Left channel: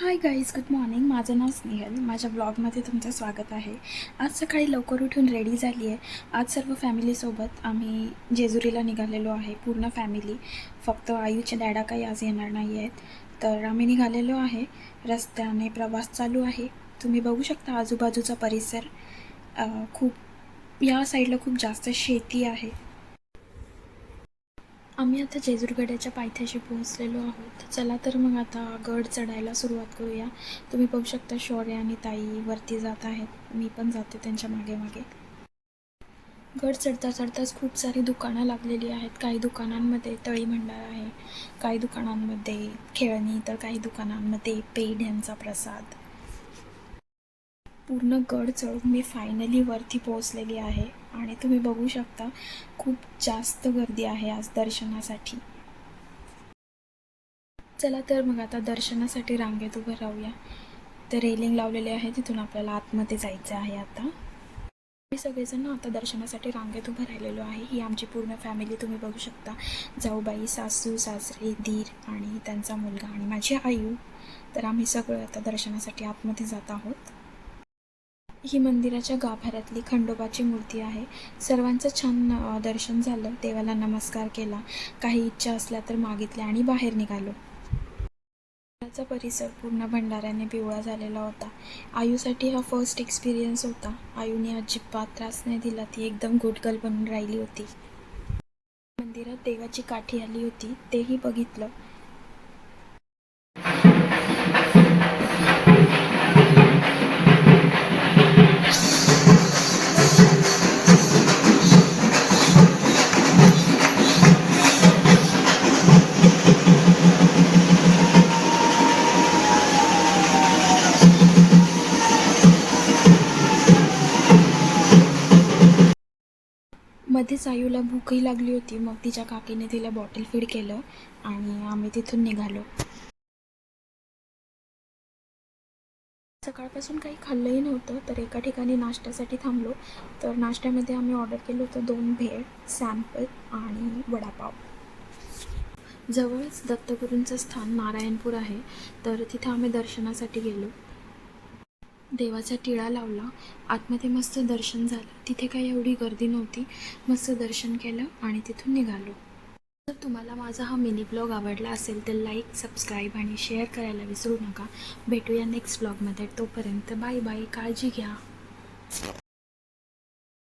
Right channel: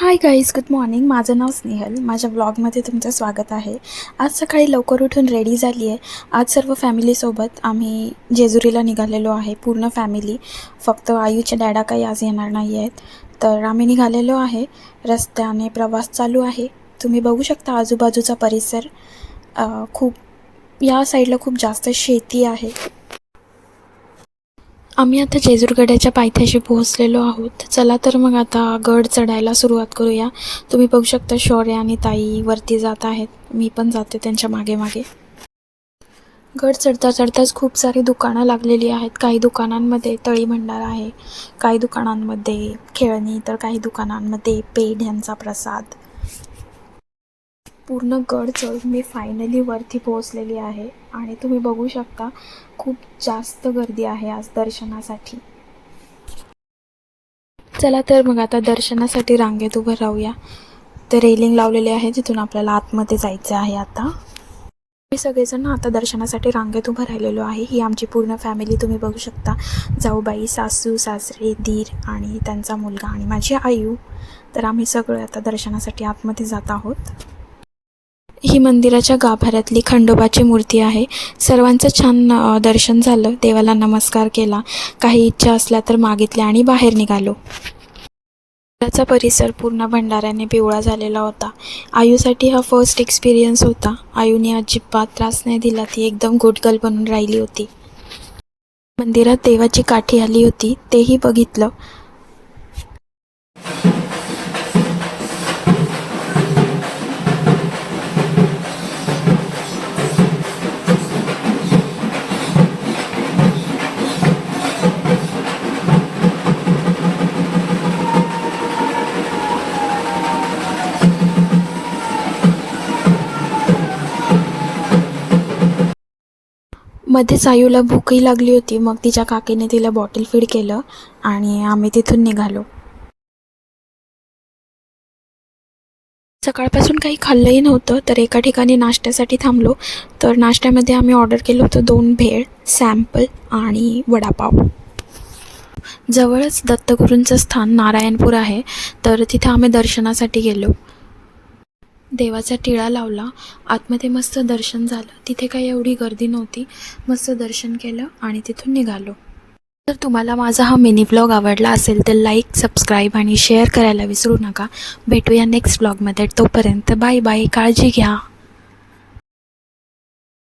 Hi guys, good morning. माझं नाव स्नेहल. माझ्या ब्लॉगमध्ये तुमचं स्वागत आहे. आज सकाळी लवकर उठून रेडी झाली आहे. आज सर्व फॅमिलीसोबत आम्ही जेजुरीला निघालेलो आहे, पूर्ण फॅमिली. फक्त आयूच्या डॅडा काही आज येणार नाही आहेत, तर आम्ही निघालेलो आहे. रस्त्याने प्रवास चालू आहे. तुम्ही बघू शकता आजूबाजूचा परिसर. या साईडला खूप जास्त शेती आहे. आम्ही आता जेजुरगडाच्या पायथ्याशी पोहोचलेलो आहोत. चला तर मग आता गड चढायला सुरुवात करूया. तुम्ही बघू शकता शौर्य आणि ताई वरती जात आहेत. मी पण जाते त्यांच्या मागे मागे. गड चढता चढताच खूप सारी दुकानं लागलेली आहेत. काही दुकानांमध्ये तळी भंडार आहे, काही दुकानांमध्ये खेळणी, तर काही दुकानांमध्ये पेढ्यांचा प्रसाद. पूर्ण गड चढून मी फायनली वरती पोहोचलेली आहे आणि तुम्ही बघू शकता खूप जास्त गर्दी आहे आज दर्शनासाठी. चला तर मग आता दर्शनासाठी रांगेत उभं राहूया. ते रेलिंग लावलेले आहे, जिथून आपल्याला आतमध्ये जायचं आहे. आता मी सगळेजण आता दर्शनासाठी रांगेत उभं राहिलेलो आहे. ही आमची पूर्ण फॅमिली तुम्ही बघू शकता. जाऊबाई, सासू सासरे, दीर आणि त्यांचा मुलगा आणि माझी आयू. तर आम्ही सगळे आता दर्शनासाठी आतमध्ये जात आहोत. ही मंदिराच्या गाभाऱ्यातली खंडोबाची मूर्ती आहे. सर्वांचं छान दर्शन झालं. देवाला नमस्कार केला, काही इच्छा असल्या तर मागितल्या आणि बाहेर निघालो. मंदिराचा परिसर पूर्ण भंडाऱ्याने पिवळा झालेला होता. आयूसाठी हा फर्स्ट एक्सपिरियन्स होता. आयूने अजिबात त्रास नाही दिला. ती एकदम गुड बनून राहिली होती. मंदिरात देवाची काठी आली होती, तेही बघितलं. मध्येच आयूला भूकही लागली होती. मग तिच्या काकीने तिला बॉटल फीड केलं आणि आम्ही तिथून निघालो. सकाळपासून काही खाल्लंही नव्हतं, तर एका ठिकाणी नाश्त्यासाठी थांबलो. तर नाश्त्यामध्ये आम्ही ऑर्डर केलं होतं 2 भेळ, सॅम्पल आणि वडापाव. जवळच दत्तगुरूंचं स्थान नारायणपूर आहे, तर तिथे आम्ही दर्शनासाठी गेलो. देवाचा टिळा लावला, आतमध्ये मस्त दर्शन झालं. तिथे काही एवढी गर्दी नव्हती. मस्त दर्शन केलं आणि तिथून निघालो. जर तुम्हाला माझा हा मिनी ब्लॉग आवडला असेल तर लाईक, सबस्क्राईब आणि शेअर करायला विसरू नका. भेटूया नेक्स्ट ब्लॉगमध्ये. तोपर्यंत बाय बाय. काळजी घ्या.